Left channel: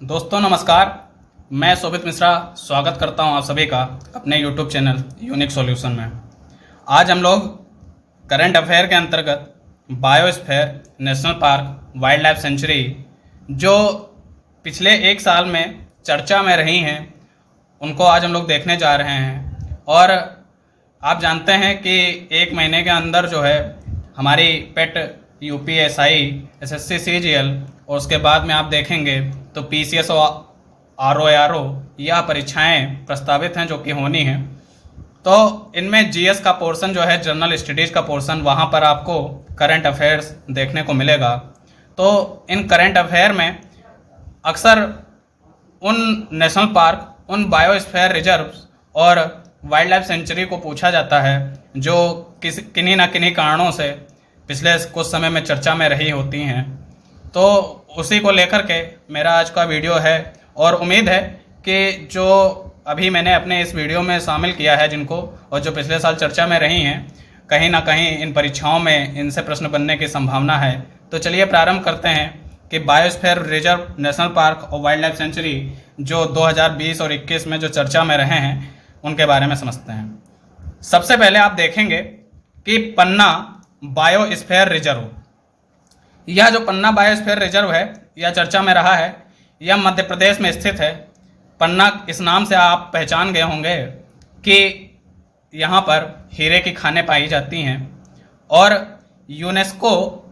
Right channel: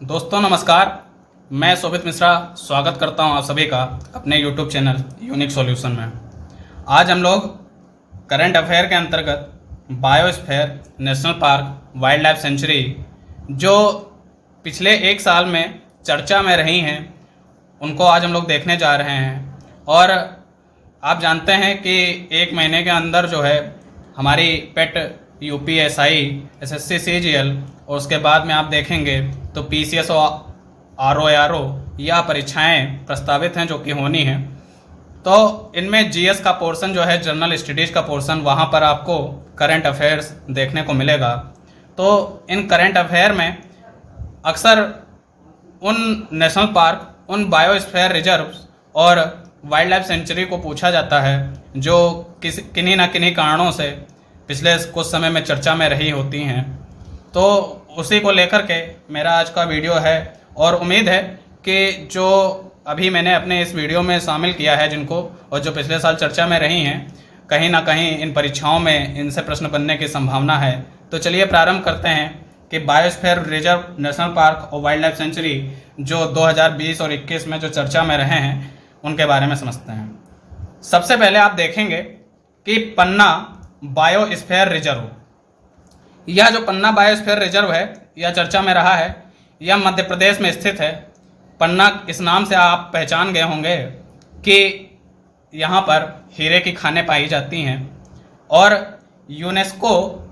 दोस्तों नमस्कार। मैं शोभित मिश्रा स्वागत करता हूं आप सभी का अपने YouTube चैनल यूनिक सॉल्यूशन में। आज हम लोग करंट अफेयर के अंतर्गत biosphere, national park, wild life sanctuary जो पिछले एक साल में चर्चा में रही हैं उनको आज हम लोग देखने जा रहे हैं। और आप जानते हैं कि एक महीने के अंदर जो है हमारी पेट यूपीएसआई, एसएससी, सीजीएल और उसके बाद में आप देखेंगे तो पीसीएस और आरओआरओ यह परीक्षाएं प्रस्तावित हैं जो कि होनी हैं। तो इनमें जीएस का पोर्शन जो है, जनरल स्टडीज का पोर्शन, वहाँ पर आपको करंट अफेयर्स देखने को मिलेगा। तो इन करंट अफेयर में अक्सर उन नेशनल पार्क, उन बायोस्फीयर रिजर्व और वाइल्ड लाइफ सेंचुरी को पूछा जाता है जो किन्हीं ना किन्हीं कारणों से पिछले कुछ समय में चर्चा में रही होती हैं। तो उसी को लेकर के मेरा आज का वीडियो है और उम्मीद है कि जो अभी मैंने अपने इस वीडियो में शामिल किया है जिनको, और जो पिछले साल चर्चा में रही हैं, कहीं ना कहीं इन परीक्षाओं में इनसे प्रश्न बनने की संभावना है। तो चलिए प्रारंभ करते हैं कि बायोस्फीयर रिजर्व, नेशनल पार्क और वाइल्ड लाइफ सेंचुरी जो 2020 और 21 में जो चर्चा में रहे हैं उनके बारे में समझते हैं। सबसे पहले आप देखेंगे कि पन्ना बायोस्फीयर रिजर्व, यह जो पन्ना बायोस्फीयर रिजर्व है यह चर्चा में रहा है। यह मध्य प्रदेश में स्थित है। पन्ना इस नाम से आप पहचान गए होंगे कि यहाँ पर हीरे की खानें पाई जाती हैं। और UNESCO,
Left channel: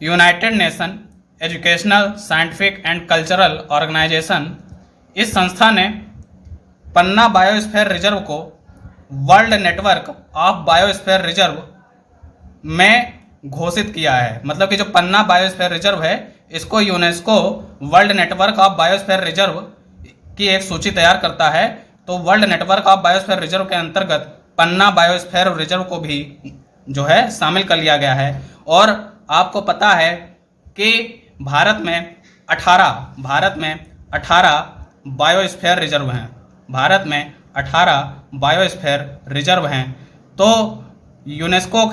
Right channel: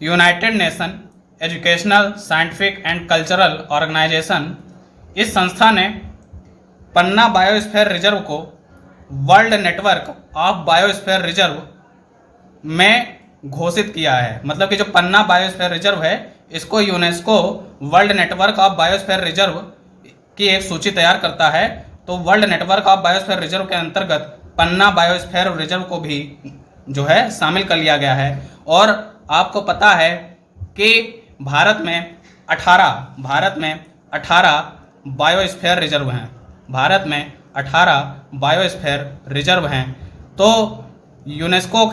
United Nation Educational, Scientific and Cultural Organization, इस संस्था ने पन्ना बायोस्फीयर रिजर्व को world network of biosphere reserve में घोषित किया है। मतलब कि जो पन्ना बायोस्फीयर रिजर्व है इसको UNESCO world network of biosphere reserve की एक सूची तैयार करता है। तो world network of biosphere reserve के अंतर्गत पन्ना बायोस्फीयर रिजर्व को भी जो है शामिल कर लिया गया है। और आपको पता है कि भारत में 18 बायोस्फीयर रिजर्व हैं। भारत में 18 बायोस्फीयर रिजर्व हैं। तो यूनेस्को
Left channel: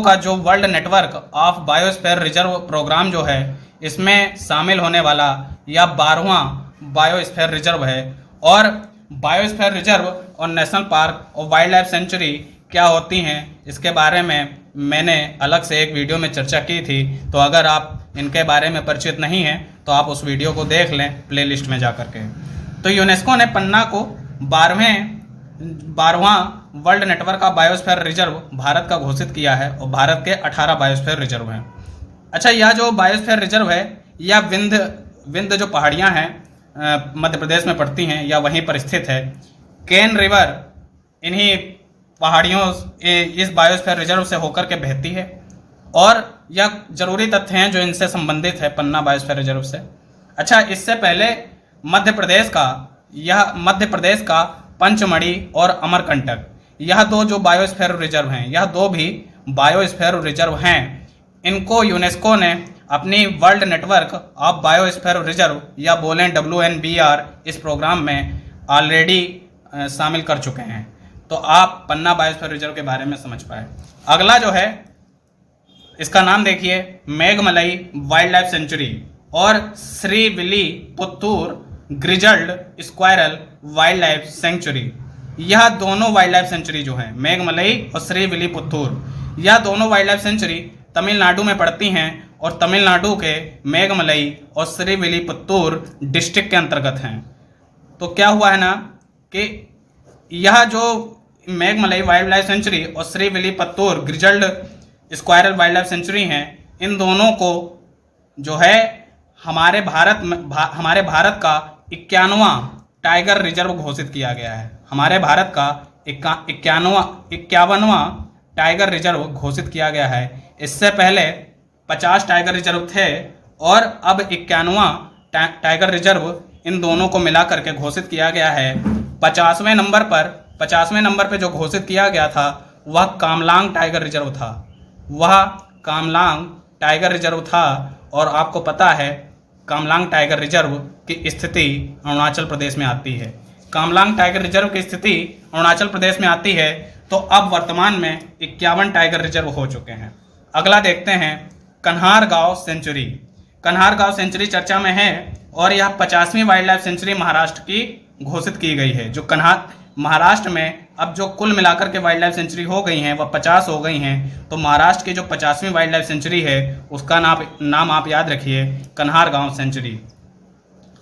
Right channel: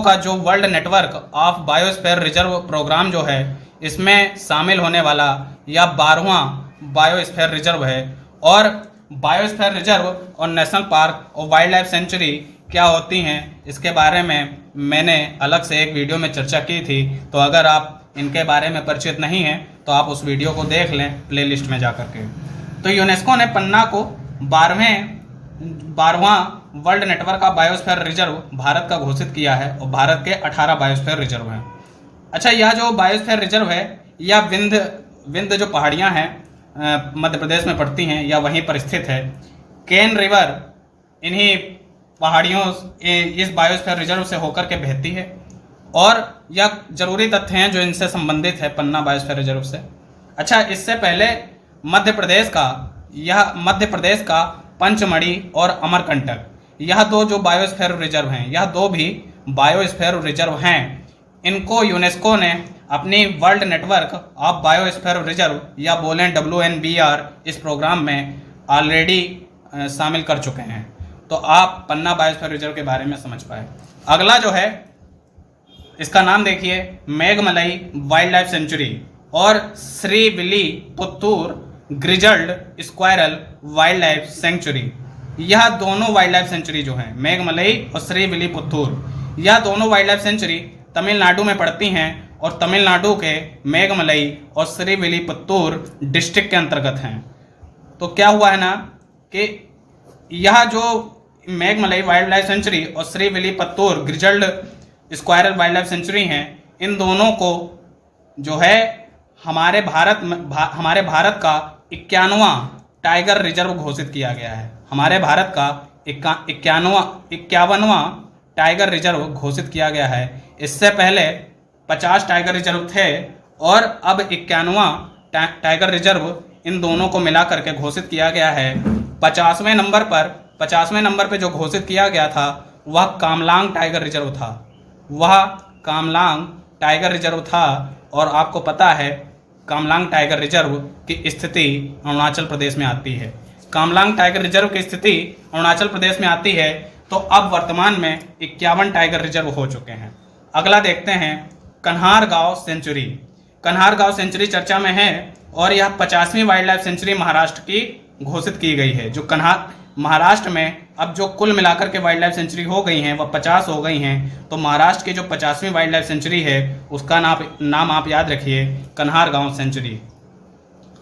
का जो world network of biosphere reserve program जो है इसमें शामिल होने वाला यह 12वां बायोस्फीयर रिजर्व है। और बायोस्फीयर रिजर्व और नेशनल पार्क और वाइल्ड लाइफ सेंचुरी क्या होती हैं इसके बारे में मैंने अलग से एक वीडियो में चर्चा की थी। तो अगर आप इनके बारे में परिचित नहीं हैं तो आप उस वीडियो को देख लें प्लेलिस्ट में जा करके। तो यूनेस्को ने पन्ना को 12वां world network of biosphere reserve Bharat का घोषित किया है और भारत के 18 बायोस्फीयर रिजर्व हैं। अच्छा, यह जो बायोस्फीयर रिजर्व है यह विंध्य जो पहाड़ियां हैं मध्य प्रदेश में पड़ती हैं या वहीं पर स्थित है। केन रिवर इन्हीं पहाड़ियों इस बायोस्फीयर रिजर्व से होकर के बहती है। और यह जरूरी तथ्य हैं जो इनसे संबंधित है पन्ना बायोस्फीयर रिजर्व से। अच्छा, इससे पहले मध्य प्रदेश का पंचमढ़ी और अमरकंटक, यह दो जो बायोस्फीयर रिजर्व हैं, यह दो भी बायोस्फीयर रिजर्व हैं। इनको यूनेस्को ने अपनी world network of biosphere reserve या बोलें WNBR इस प्रोग्राम में ऑलरेडी शामिल कर चुके हैं। तो आप पन्ना बायोस्फीयर रिजर्व के बारे में समझ पाए। अगला जो है इसका नाम देखिए, मेघमलई वाइल्ड लाइफ सेंचुरी और Srivilliputhur grizzled squirrel wildlife sanctuary. यह दोनों वाइल्ड लाइफ सेंचुरी जो है, मेघमलई और श्रीविल्लीपुत्तूर, यह दोनों वाइल्ड लाइफ सेंचुरी तमिलनाडु में पड़ती हैं और तमिलनाडु के मेघमलई और श्रीविल्लीपुत्तूर डिस्ट्रिक्ट के अंतर्गत हैं। तो क्या हुआ है ना कि यह जो मेघमलई वाइल्ड लाइफ सेंचुरी और Srivilliputhur grizzled squirrel wildlife sanctuary हैं, इन दोनों को जो है हमारे भारत का 51वां टाइगर रिजर्व घोषित किया गया है। हमारे भारत का 51वां टाइगर रिजर्व घोषित किया गया है। इससे पहले 50 टाइगर रिजर्व थे और अब 51वां टाइगर रिजर्व इन दोनों को मिला करके घोषित किया गया है। 50वें नंबर पे जो घोषित किया गया था वह कामलांग टाइगर रिजर्व था। और आपको पता है कामलांग टाइगर रिजर्व की स्थिति अरुणाचल प्रदेश में आती है। कामलांग टाइगर रिजर्व की स्थिति अरुणाचल प्रदेश में आती है। तो अब वर्तमान में 51 टाइगर रिजर्व हो चुके हैं। अगला देखते हैं कन्हारगांव सेंचुरी। कन्हार गांव सेंचुरी चर्चा में है और यह 50वीं वाइल्ड लाइफ सेंचुरी महाराष्ट्र की घोषित की गई है। जो कन्हार महाराष्ट्र में अब जो कुल मिलाकर के वाइल्ड लाइफ सेंचुरी हो गई हैं वह 50 हो गई हैं, तो महाराष्ट्र की जो 50वीं वाइल्ड लाइफ सेंचुरी है उसका नाम आप याद रखिए, कन्हार गांव सेंचुरी।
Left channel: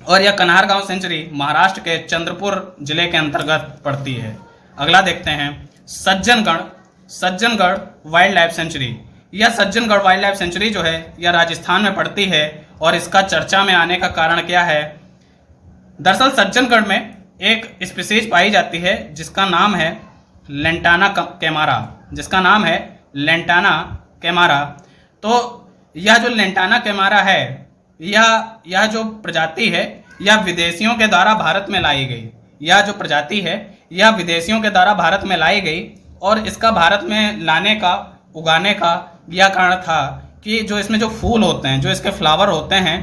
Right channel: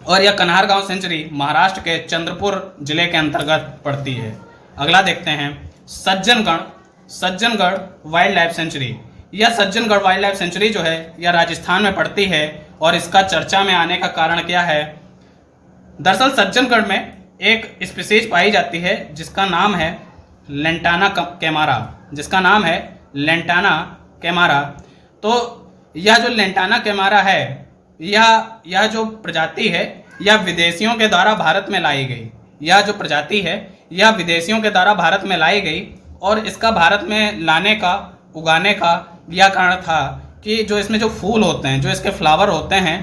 और यह कन्हार गांव सेंचुरी महाराष्ट्र के चंद्रपुर जिले के अंतर्गत पड़ती है। अगला देखते हैं सज्जनगढ़ वाइल्ड लाइफ सेंचुरी। यह सज्जनगढ़ वाइल्ड लाइफ सेंचुरी जो है यह राजस्थान में पड़ती है और इसका चर्चा में आने का कारण क्या है? दरअसल सज्जनगढ़ में एक स्पीसीज पाई जाती है जिसका नाम है लेंटाना कैमारा। तो यह जो लेंटाना कैमारा है यह जो प्रजाति है यह विदेशियों के द्वारा भारत में लाई गई। यह जो प्रजाति है यह विदेशियों के द्वारा भारत में लाई गई और इसका भारत में उगाने का यह कारण था कि जो इसमें जो फूल होते हैं, जो इसके फ्लावर होते हैं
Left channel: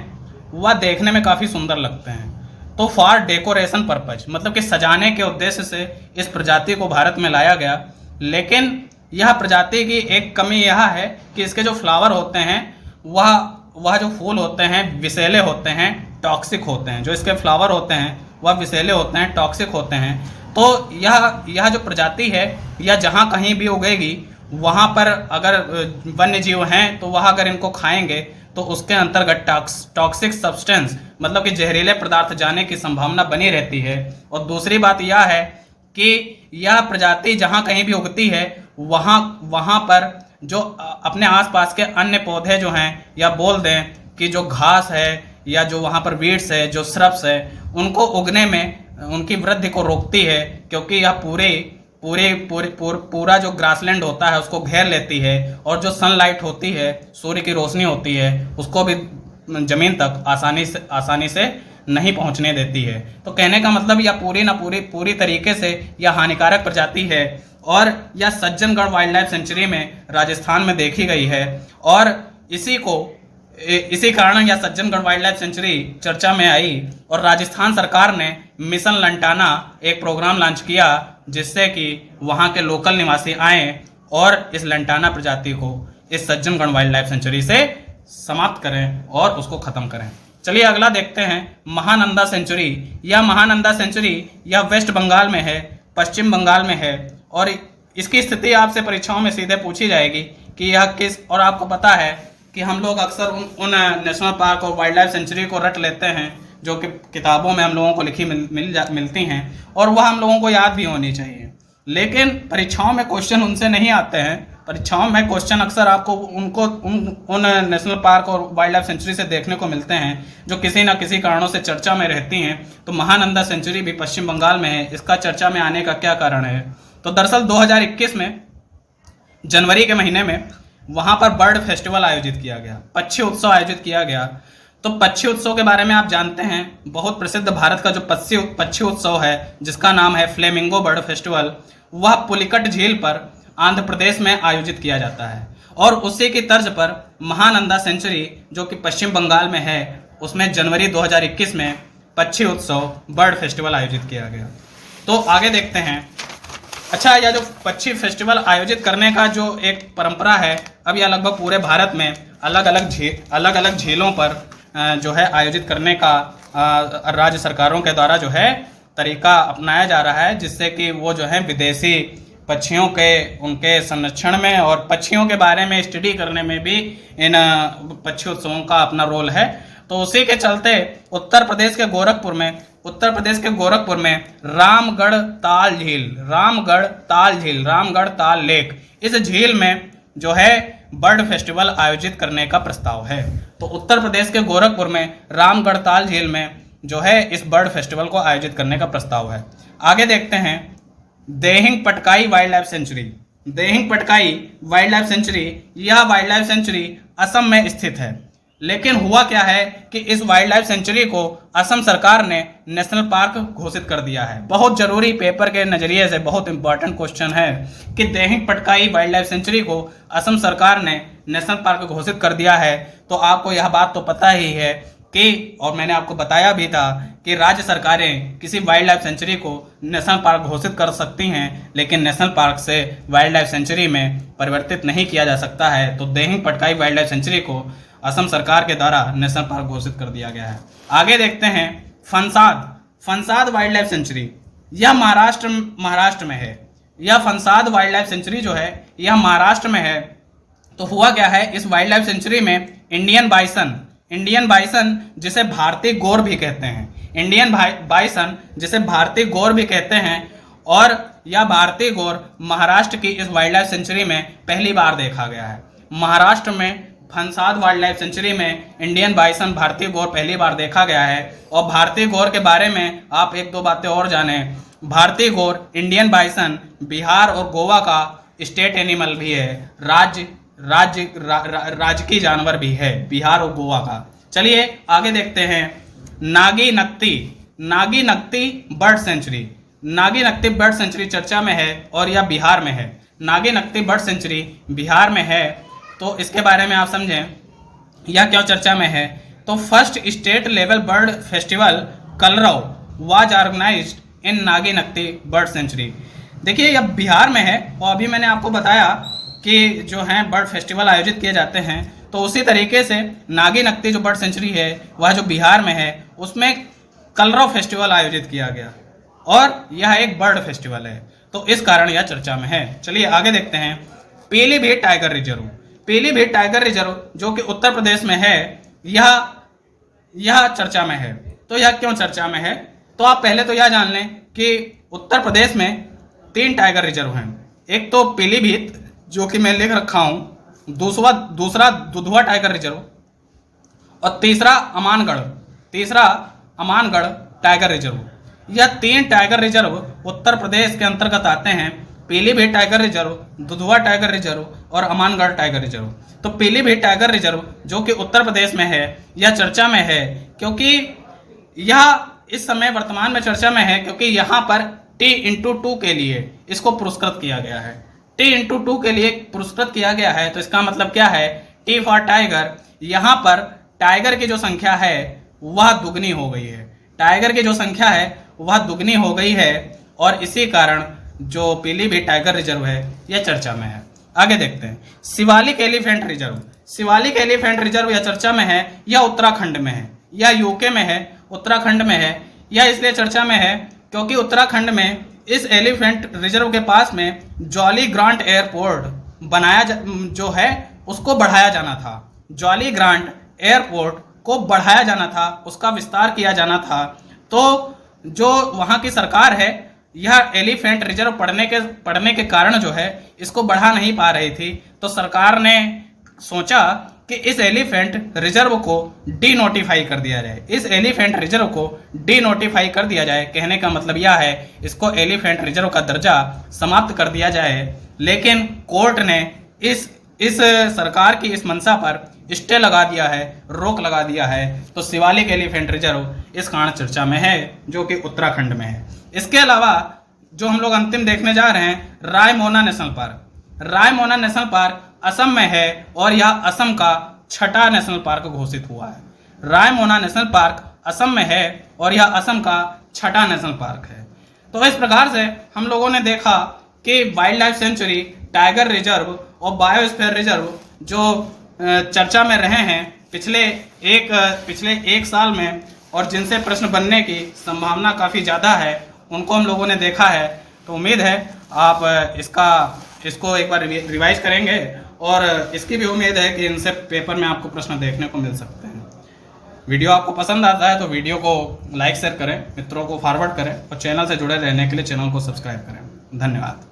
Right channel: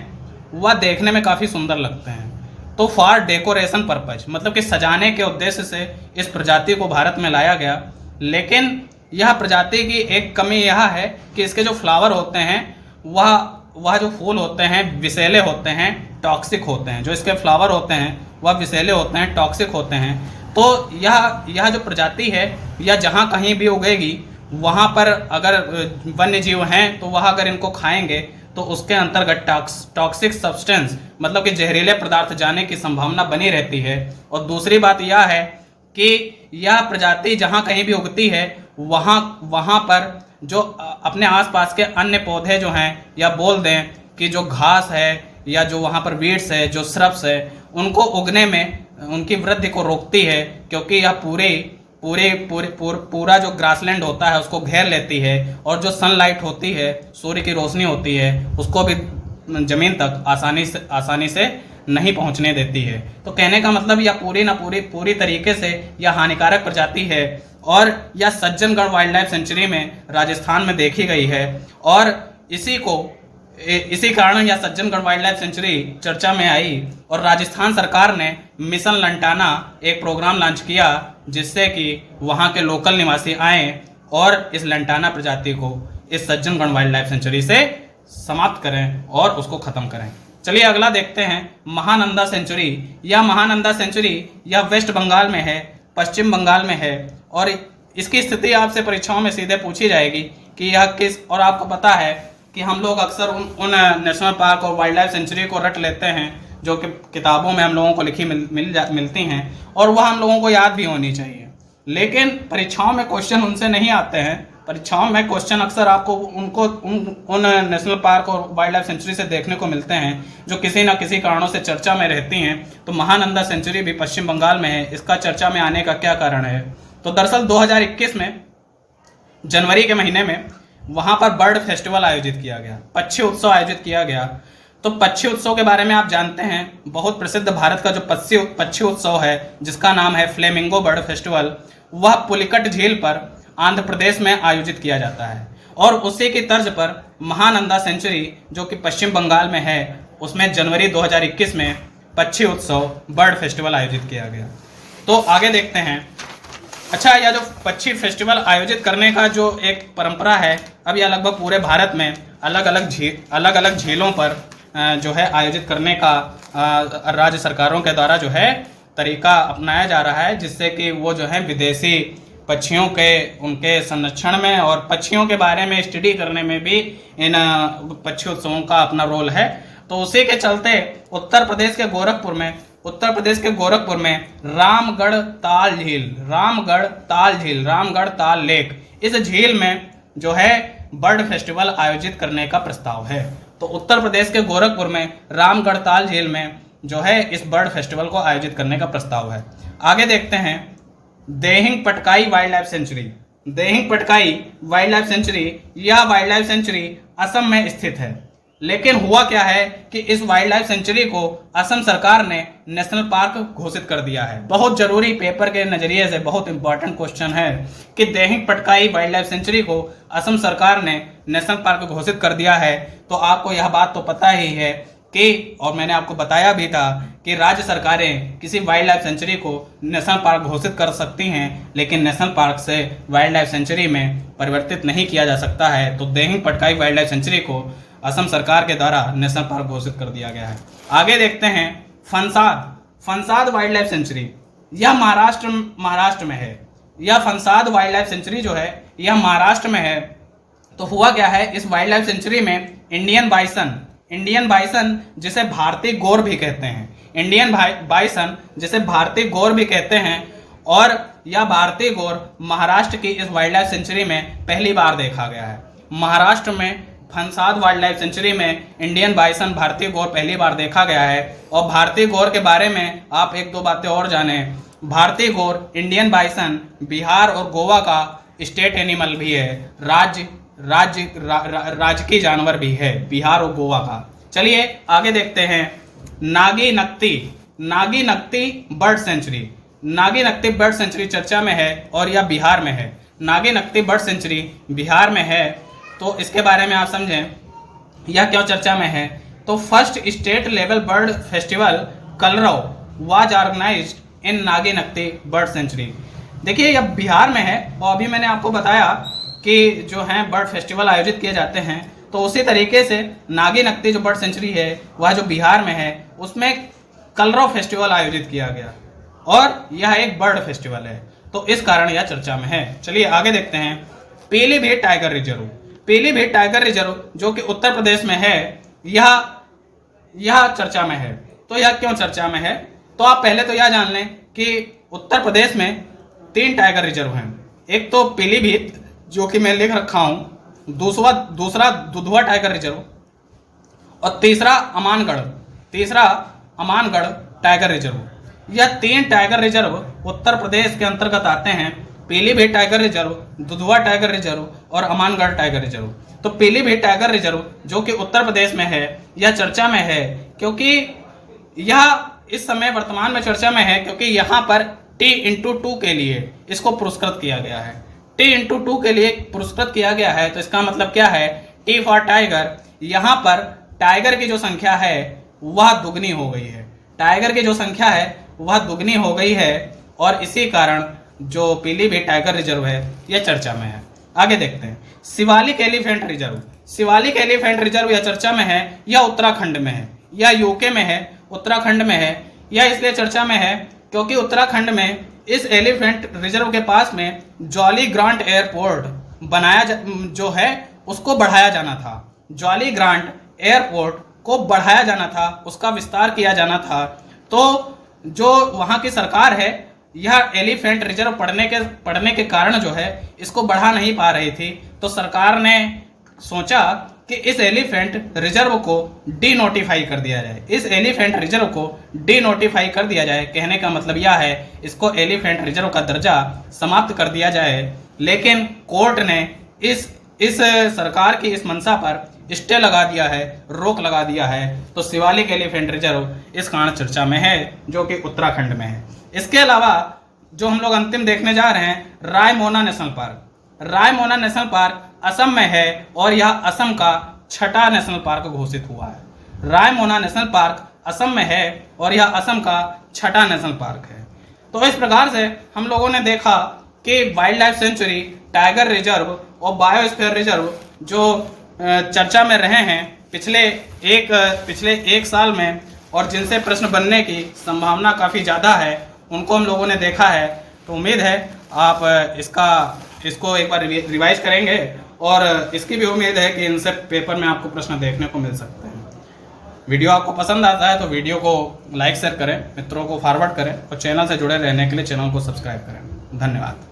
वह देखने में काफ़ी सुंदर लगते हैं। तो फॉर डेकोरेशन पर्पज, मतलब कि सजाने के उद्देश्य से इस प्रजाति को भारत में लाया गया। लेकिन यह प्रजाति की एक कमी यह है कि इसके जो फ्लावर होते हैं वह जो फूल होते हैं विषैले होते हैं, टॉक्सिक होते हैं। जो इसके फ्लावर होते हैं वह विषैले होते हैं, टॉक्सिक होते हैं। तो यह जो प्रजाति है यह जहाँ कहीं भी उगेगी वहाँ पर अगर वन्य जीव हैं तो वह अगर इनको खाएंगे तो उसके अंतर्गत टॉक्सिक सब्सटेंस, मतलब कि जहरीले पदार्थ जाने की संभावना बनी रहती है। और दूसरी बात यह है कि यह प्रजाति जहाँ कहीं भी उगती है वहाँ पर जो अपने आसपास के अन्य पौधे जो हैं, या बोल दें कि जो घास है या जो वहाँ पर वीड्स है, जो श्रब्स है, उनको उगने में उनकी वृद्धि को रोकती है, क्योंकि यह पूरा जो ग्रासलैंड होता है उसको घेर लेती है और जो सनलाइट होती है, सूर्य की रोशनी होती है, उसको भी जमीन तक आसानी से नहीं पहुंचने देती है। तो कहने का मतलब यह पूरी तरीके से यह हानिकारक प्रजाति है और यह सज्जनगढ़ वाइल्ड लाइफ सेंचुरी में राजस्थान में देखी गई है। और इसी कारण यह सज्जनगढ़ वाइल्ड लाइफ सेंचुरी चर्चा में आई और राजस्थान सरकार ने मिशन लंटाना एक प्रोग्राम लॉन्च किया जिससे कि वहां के लोकल निवासी आए और इस लंटाना प्रजाति को इस सज्जनगढ़ वाइल्ड लाइफ सेंचुरी से समाप्त करें और उसको खत्म करें। चलिए अगला देखते हैं महानंदा सेंचुरी। यह महानंदा सेंचुरी यह वेस्ट बंगाल में है, पश्चिम बंगाल में है और इसकी स्थिति आपसे परीक्षाओं में सीधे पूछी जाएगी कि यह किस, और आपको पता है कि हम लोग अक्सर उन नेशनल पार्क और वाइल्ड लाइफ सेंचुरी को रट लेते हैं जो कि किताबों में हम लोगों को लिखी मिलती हैं और वह हम लोगों को याद भी होनी चाहिए। लेकिन परीक्षाओं में क्वेश्चन उनसे नहीं आते हैं। परीक्षाओं में क्वेश्चन अक्सर आपको उन नेशनल पार्क और वाइल्ड लाइफ सेंचुरी से देखने को मिलते हैं जो किसी न किसी कारणों से चर्चा में रहती हैं। तो महानंदा सेंचुरी भी पश्चिम बंगाल में है। इसका चर्चा में आने का क्या कारण है? तो दरअसल 2021 में जनवरी के महीने में वहां पर बर्ड फेस्टिवल आयोजित किया गया, पक्षी उत्सव आयोजित किया गया। तो पक्षी उत्सव के बारे में आप जानते हैं, बहुत प्रसिद्ध भारत का जो पक्षी उत्सव है जिसका नाम है फ्लेमिंगो बर्ड फेस्टिवल, वह पुलिकट झील पर आंध्र प्रदेश में आयोजित किया जाता है। और उसी की तर्ज पर महानंदा सेंचुरी जो कि पश्चिम बंगाल में है उसमें जनवरी 2021 में पक्षी उत्सव बर्ड फेस्टिवल आयोजित किया गया। तो आगे देखते हैं। अच्छा, यह जो पक्षी फेस्टिवल आयोजित करने का जो एक परंपरा है, अब यह लगभग पूरे भारत में अलग अलग झीलों पर जो है आयोजित करने का राज्य सरकारों के द्वारा जो है तरीका अपनाया जा रहा है, जिससे कि वो जो है विदेशी पक्षियों के उनके संरक्षण में और पक्षियों के बारे में स्टडी करने में भी इन पक्षी उत्सवों का अपना रोल है। तो उसी के चलते उत्तर प्रदेश के गोरखपुर में रामगढ़ ताल लेक, इस झील में जो है बर्ड फेस्टिवल आयोजित करने का प्रस्ताव है। तो उत्तर प्रदेश के गोरखपुर में रामगढ़ ताल झील में जो है इस बर्ड फेस्टिवल को आयोजित करने का प्रस्ताव है। आगे देखते हैं Dehing Patkai wild life sanctuary. Dehing Patkai wild life sanctuary, यह वाइल्ड लाइफ सेंचुरी असम में स्थित है। लेकिन हुआ क्या है कि इस वाइल्ड लाइफ सेंचुरी को असम सरकार ने नेशनल पार्क घोषित कर दिया है। बहुत जरूरी, पेपर के नजरिए से बहुत इंपॉर्टेंट क्वेश्चन है कि Dehing Patkai wild life sanctuary को असम सरकार ने नेशनल पार्क घोषित कर दिया है। तो आपको यह बात तो पता ही है कि, और मैंने आपको बताया भी था कि राज्य सरकारें किसी वाइल्ड लाइफ सेंचुरी को नेशनल पार्क घोषित कर सकती हैं, लेकिन नेशनल पार्क से वाइल्ड लाइफ सेंचुरी में परिवर्तित नहीं किया जा सकता है। तो Dehing Patkai wild life sanctuary को असम सरकार के द्वारा नेशनल पार्क घोषित कर दिया गया है। आगे देखते हैं फंसाद वाइल्ड लाइफ सेंचुरी। यह महाराष्ट्र में है। यह फंसाद वाइल्ड लाइफ सेंचुरी जो है यह महाराष्ट्र में है। तो हुआ क्या है, इस वाइल्ड लाइफ सेंचुरी में इंडियन बाइसन जिसे भारतीय गौर भी कहते हैं, इंडियन बाइसन जिसे भारतीय गौर भी कहते हैं, और यह भारतीय गौर महाराष्ट्र की इस वाइल्ड लाइफ सेंचुरी में पहली बार देखा गया है। महाराष्ट्र में फंसाद वाइल्ड लाइफ सेंचुरी में इंडियन बाइसन भारतीय गौर पहली बार देखा गया है। और भारतीय गौर के बारे में आप एक दो बातें और जानें। भारतीय गौर इंडियन बाइसन बिहार और गोवा का स्टेट एनिमल भी है, राजकीय जानवर भी है बिहार और गोवा का। चलिए आगे देखते हैं Nagi Nakti bird sanctuary. Nagi Nakti bird sanctuary चर्चा में है और यह बिहार में है। नागी नक्ती बर्ड सेंचुरी बिहार में है, तो इसके बारे में आप समझें यह क्या चर्चा में है। तो first state level bird festival Kalrav was organised in Nagi Nakti bird sanctuary. देखिए यह बिहार में है और अभी मैंने आपको बताया कि जो है बर्ड फेस्टिवल आयोजित किए जाते हैं, तो उसी तरीके से नागी नक्ती जो बर्ड सेंचुरी है वह जो बिहार में है उसमें कलरव फेस्टिवल आयोजित किया गया और यह एक बर्ड फेस्टिवल है, तो इस कारण यह चर्चा में है। चलिए आगे देखते हैं Pilibhit tiger reserve. Pilibhit tiger reserve जो कि उत्तर प्रदेश में है, यह चर्चा में है। तो यह क्यों चर्चा में है, तो आप पहले तो यह जान लें कि उत्तर प्रदेश में 3 टाइगर रिजर्व हैं। एक तो पीलीभीत जो कि मैं लिख रखा हूं, दूसरा दुधवा टाइगर रिजर्व और तीसरा अमानगढ़ टाइगर रिजर्व। यह 3 टाइगर रिजर्व उत्तर प्रदेश के अंतर्गत आते हैं। Pilibhit tiger reserve, Dudhwa tiger reserve और अमानगढ़ टाइगर रिजर्व। तो पीलीभीत टाइगर रिजर्व जो कि उत्तर प्रदेश में है यह चर्चा में है, क्योंकि यह इस समय वर्तमान में चर्चा में है क्योंकि यहाँ पर T/2 के लिए इसको पुरस्कृत किया गया है। T/2 के लिए पुरस्कृत किया गया है, तो इसका मतलब क्या है, T फॉर टाइगर। यहाँ पर टाइगर की जो संख्या है वह दुगनी हो गई है। टाइगर की जो संख्या है वह दुगनी हो गई है और इसी कारण जो पीलीभीत टाइगर रिजर्व है यह चर्चा में है। आगे देखते हैं Shivalik elephant reserve. Shivalik elephant reserve यह चर्चा में है, यह उत्तराखंड में है, यह यूके में है, उत्तराखंड में है। यह इसलिए चर्चा में है क्योंकि उत्तराखंड में इस एलिफेंट रिजर्व के पास में जॉली ग्रांट एयरपोर्ट जो है उसको बढ़ाया जाना था। जॉली ग्रांट एयरपोर्ट को बढ़ाया जाना था, उसका विस्तार किया जाना था। तो जो वहां की सरकार है यह एलिफेंट रिजर्व पड़ने के कारण जो है इसको बढ़ा नहीं पा रही थी, तो सरकार ने सोचा कि इस एलिफेंट रिजर्व को डीनोटिफाई कर दिया जाए। इस एलिफेंट रिजर्व को डीनोटिफाई कर दिया जाए, कहने का मतलब यह है इसको एलिफेंट रिजर्व का दर्जा समाप्त कर दिया जाए। लेकिन कोर्ट ने इस सरकार की इस मंशा पर स्टे लगा दिया है, रोक लगा दिया है। तो शिवालिक एलिफेंट रिजर्व इस कारण चर्चा में है जो कि उत्तराखंड में है। इसके अलावा जो हम लोग अंतिम देखने जा रहे हैं Raimona national park. Raimona national park Assam में है और यह असम का 6ठा नेशनल पार्क घोषित हुआ है। रायमोना नेशनल पार्क असम में है और यह असम का 6ठा नेशनल पार्क है। तो इस प्रकार से हम लोगों ने देखा कि wild life sanctuary, tiger reserve और बायोस्फीयर रिजर्व जो चर्चा में रहे हैं पिछले एक साल में और जिनसे प्रश्न बनने की संभावना काफ़ी ज़्यादा है, उनको हम लोगों ने देखा है। तो उम्मीद है आप इसको एक बार रिवाइज करेंगे और इसकी भी उम्मीद है कि इनसे पेपर में आपको प्रश्न देखने को मिल सकते हैं। वीडियो आपको पसंद आता है तो वीडियो को लाइक शेयर करें, मित्रों को फॉरवर्ड करें और चैनल से जुड़े रहने के लिए चैनल को सब्सक्राइब करें। धन्यवाद।